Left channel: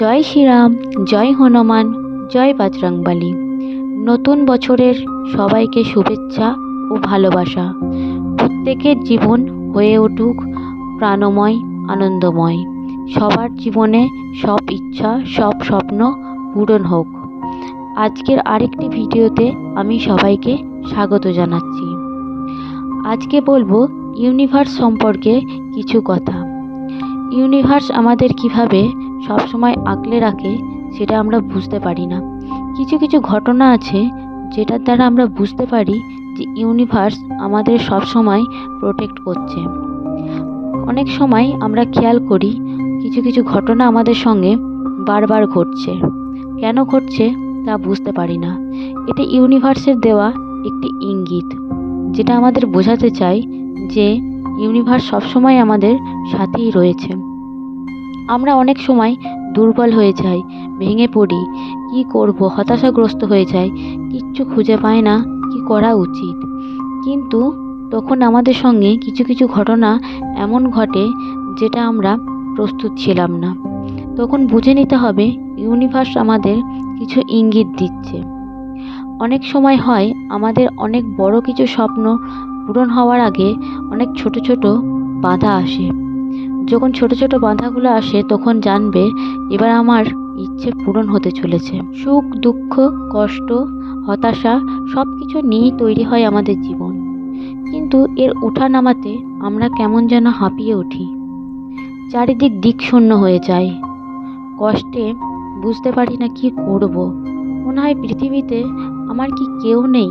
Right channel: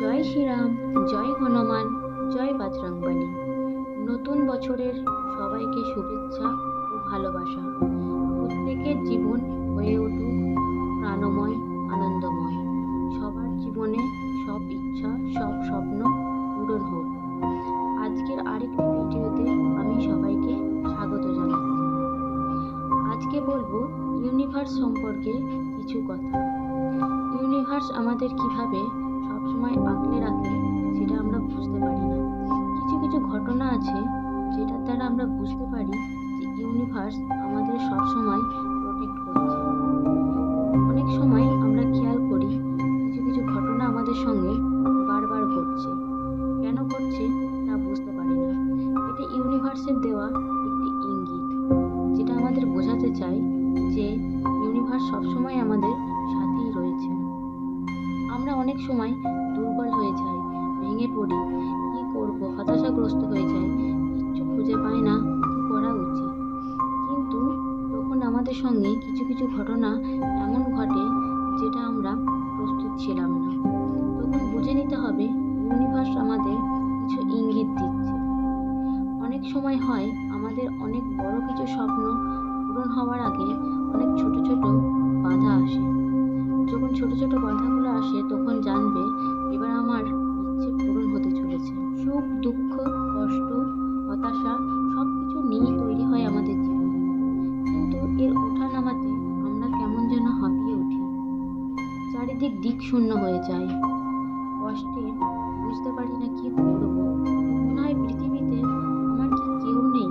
জয় শ্রীরাম, জয় হনুমান, জয় বজরংবলী। নতুন বছরের সবাইকে শুভেচ্ছা ও ভালোবাসা। প্রত্যেকের জীবন হয়ে উঠুক প্রাণময়, আনন্দময়। সবার জীবনে সব ইচ্ছা, সব স্বপ্ন পূরণ হোক। আজকের আরেকটি ভিডিওতে আমি সবাইকে স্বাগত জানাচ্ছি। আজকে বলবো ইউনিভার্স সম্পর্কে কিছু কথা। ইউনিভার্স আমাদের কিভাবে সবসময় আগলে রাখে সেটা আমরা বুঝতে পারি না। কিছু কিছু ঘটনা আছে যেটার দ্বারা আমরা বুঝতে পারি যে ইউনিভার্স আমাদের সবসময় প্রোটেক্ট করছে। অনেক সময় আমরা খেয়াল করি কিছু কিছু ঘটনা আমাদের সঙ্গে বারবার ঘটছে, কেন ঘটছে তা বুঝতে পারি না। এটা ইউনিভার্সের দেওয়া একটি ইঙ্গিত, যেটা আমাদের বোঝাতে চায় যে ইউনিভার্স সবসময় আমাদের সাথেই রয়েছে। আমরা অনেক সময় দুর্বল হয়ে যাই, ভেঙে পড়ি, কি করব, হতাশাগ্রস্ত হয়ে যাই, কিচ্ছু খুঁজে পাই না কি করা উচিত। কিন্তু তখন আমাদের সঙ্গে কিছু কিছু ঘটনা এমন ঘটে যেটা আমরা প্রস্তুত ছিলাম না। তখন বুঝে নিতে হবে ইউনিভার্স আমাদের কিছু ইঙ্গিত দিচ্ছে। অনেক সময় হয় আমাদের অনেক বড় কিছু স্বপ্ন পূরণ হওয়ার আগে অনেক ছোট ছোট বাধা আসে। যখন ছোট ছোট বাধাগুলো আসে তখন জানবে এবার আমার ইচ্ছে পূরণ হতে চলেছে। সুখ, দুঃখ, কষ্ট, হতাশা সব কিছু নিয়েই তৈরি হয় আমাদের জীবন। কিন্তু এর ওঠা নামাতে আমরা কেমন যেন হাঁপিয়ে উঠি, চারিদিক দিক শূন্য হয়ে যায়। কষ্টে বুঝতে পারি না কি করব। মনে হয় পৃথিবীতে আমার কি কেউ নেই।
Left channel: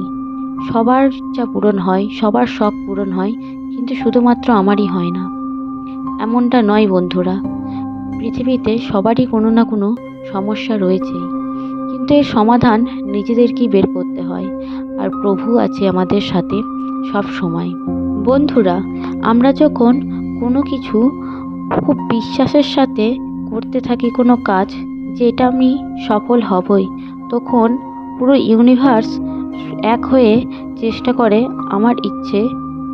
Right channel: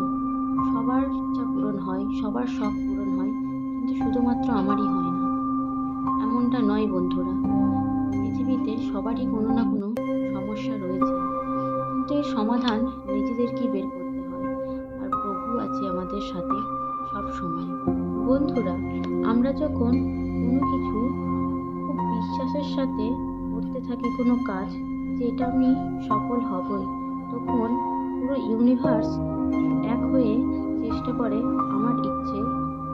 সবার ইচ্ছা পূরণ হয়, সবার শখ পূরণ হয়, কিন্তু শুধুমাত্র আমারই হয় না। এমনটা নয় বন্ধুরা, পৃথিবীতে সবারই কোনো না কোনো সমস্যা রয়েছেই, কিন্তু এর সমাধান নিজেদেরকেই বের করতে হয়। আর প্রভু আছে আমাদের সাথে সব সময়। বন্ধুরা, আমরা যখন কোনো কিছু খুব বিশ্বাসের সাথে করতে থাকি, কোনো কাজ যে এটা আমি সফল হবই, তখন পুরো ইউনিভার্স এক হয়ে চেষ্টা করে আমার ইচ্ছে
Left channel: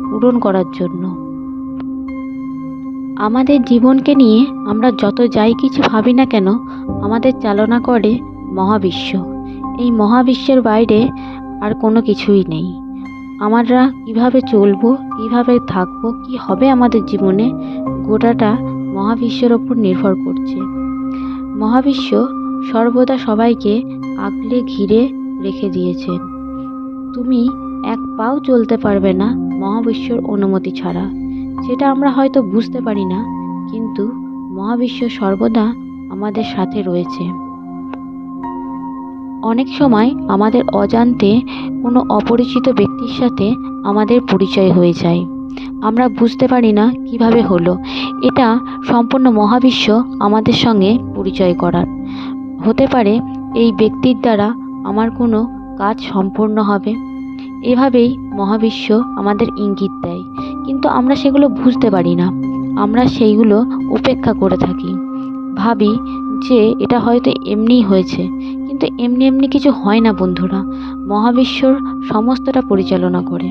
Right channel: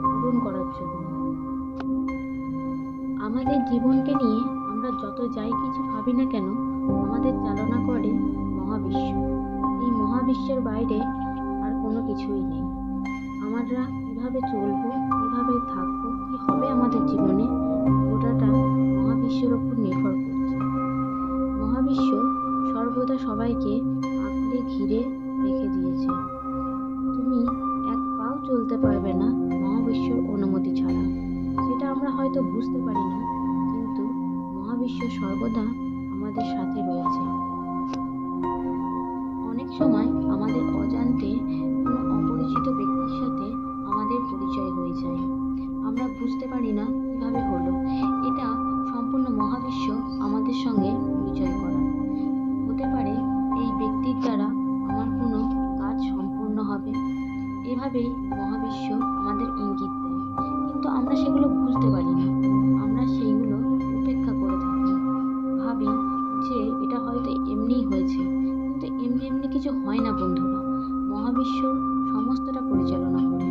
পূরণ করার জন্য। আমাদের জীবনকে নিয়ে আমরা যত যাই কিছু ভাবি না কেন, আমাদের চালনা করে মহাবিশ্ব। এই মহাবিশ্বের বাইরে আর কোনো কিছুই নেই। আমরা কিভাবে চলবো, কিভাবে থাকবো, কি হবে আমাদের জীবনে, গোটাটা মহাবিশ্বের ওপর নির্ভর করছে। মহাবিশ্ব সর্বদা সবাইকে আগলে ঘিরে রেখে দিয়েছেন। তুমি এক পাও চলতে পারবে না মহাবিশ্বর অনুমতি ছাড়া। সেটা আমরা হয়তো বুঝতে পারি না, কিন্তু মহাবিশ্ব সর্বদা আমাদের সাথে রয়েছে। অনেক সময় আমাদের অজান্তে কোনো অপরিচিত ব্যক্তির সাথে আমাদের পরিচয় হয়ে যায়। আমরা বুঝতে পারি না কিভাবে হলো। এটা সম্পূর্ণ মহাবিশ্ব আমাদের সঙ্গে পরিচয় করার। হতে পারে এই ব্যক্তির দ্বারা আমার কোনো কাজ সম্পূর্ণ হবে। এভাবেই মহাবিশ্ব আমাদের ইঙ্গিত দেয়, কিন্তু আমরা সেগুলো বুঝতে পারি না। আমরা সেইগুলো উপেক্ষা করে থাকি, ভাবি যে এটা হয়তো এমনিই হয়েছে, কিন্তু এমনি এমনি কিছু হয় না বন্ধুরা। মহাবিশ্বর সমস্তটা পরিচালনা করে।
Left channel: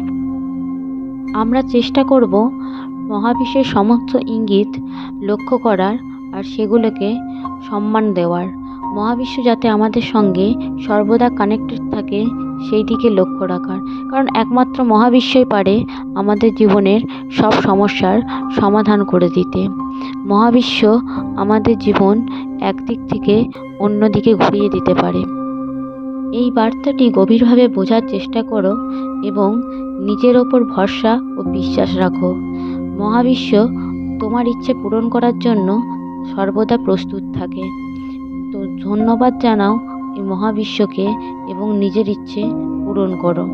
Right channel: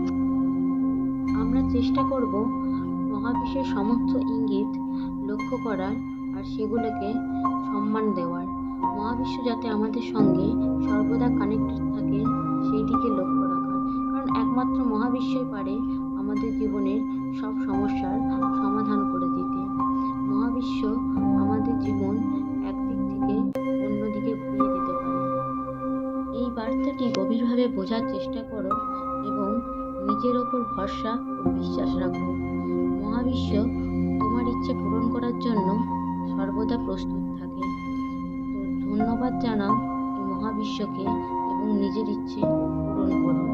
আমরা চেষ্টা করব মহাবিশ্বের সমস্ত ইঙ্গিত লক্ষ্য করার আর সেগুলোকে সম্মান দেওয়ার। মহাবিশ্ব যাতে আমাদের সঙ্গে সর্বদা কানেক্টেড থাকে সেই দিকে লক্ষ্য রাখার, কারণ একমাত্র মহাবিশ্বই পারে আমাদের জীবনের সব সমস্যার সমাধান করে দিতে। মহাবিশ্ব আমাদের জীবন একদিক থেকে অন্য দিকে ঘুরিয়ে দিতে পারে। এই বার্তাটি গভীরভাবে বোঝার চেষ্টা করো এবং নিজের ওপর ভরসা ও বিশ্বাস রাখো। মহাবিশ্ব তোমার ইচ্ছে পূরণ করার জন্য সর্বদা প্রস্তুত থাকে। তো ধন্যবাদ জানাও এই মহাবিশ্বকে এবং নিজের ইচ্ছে পূরণ করো।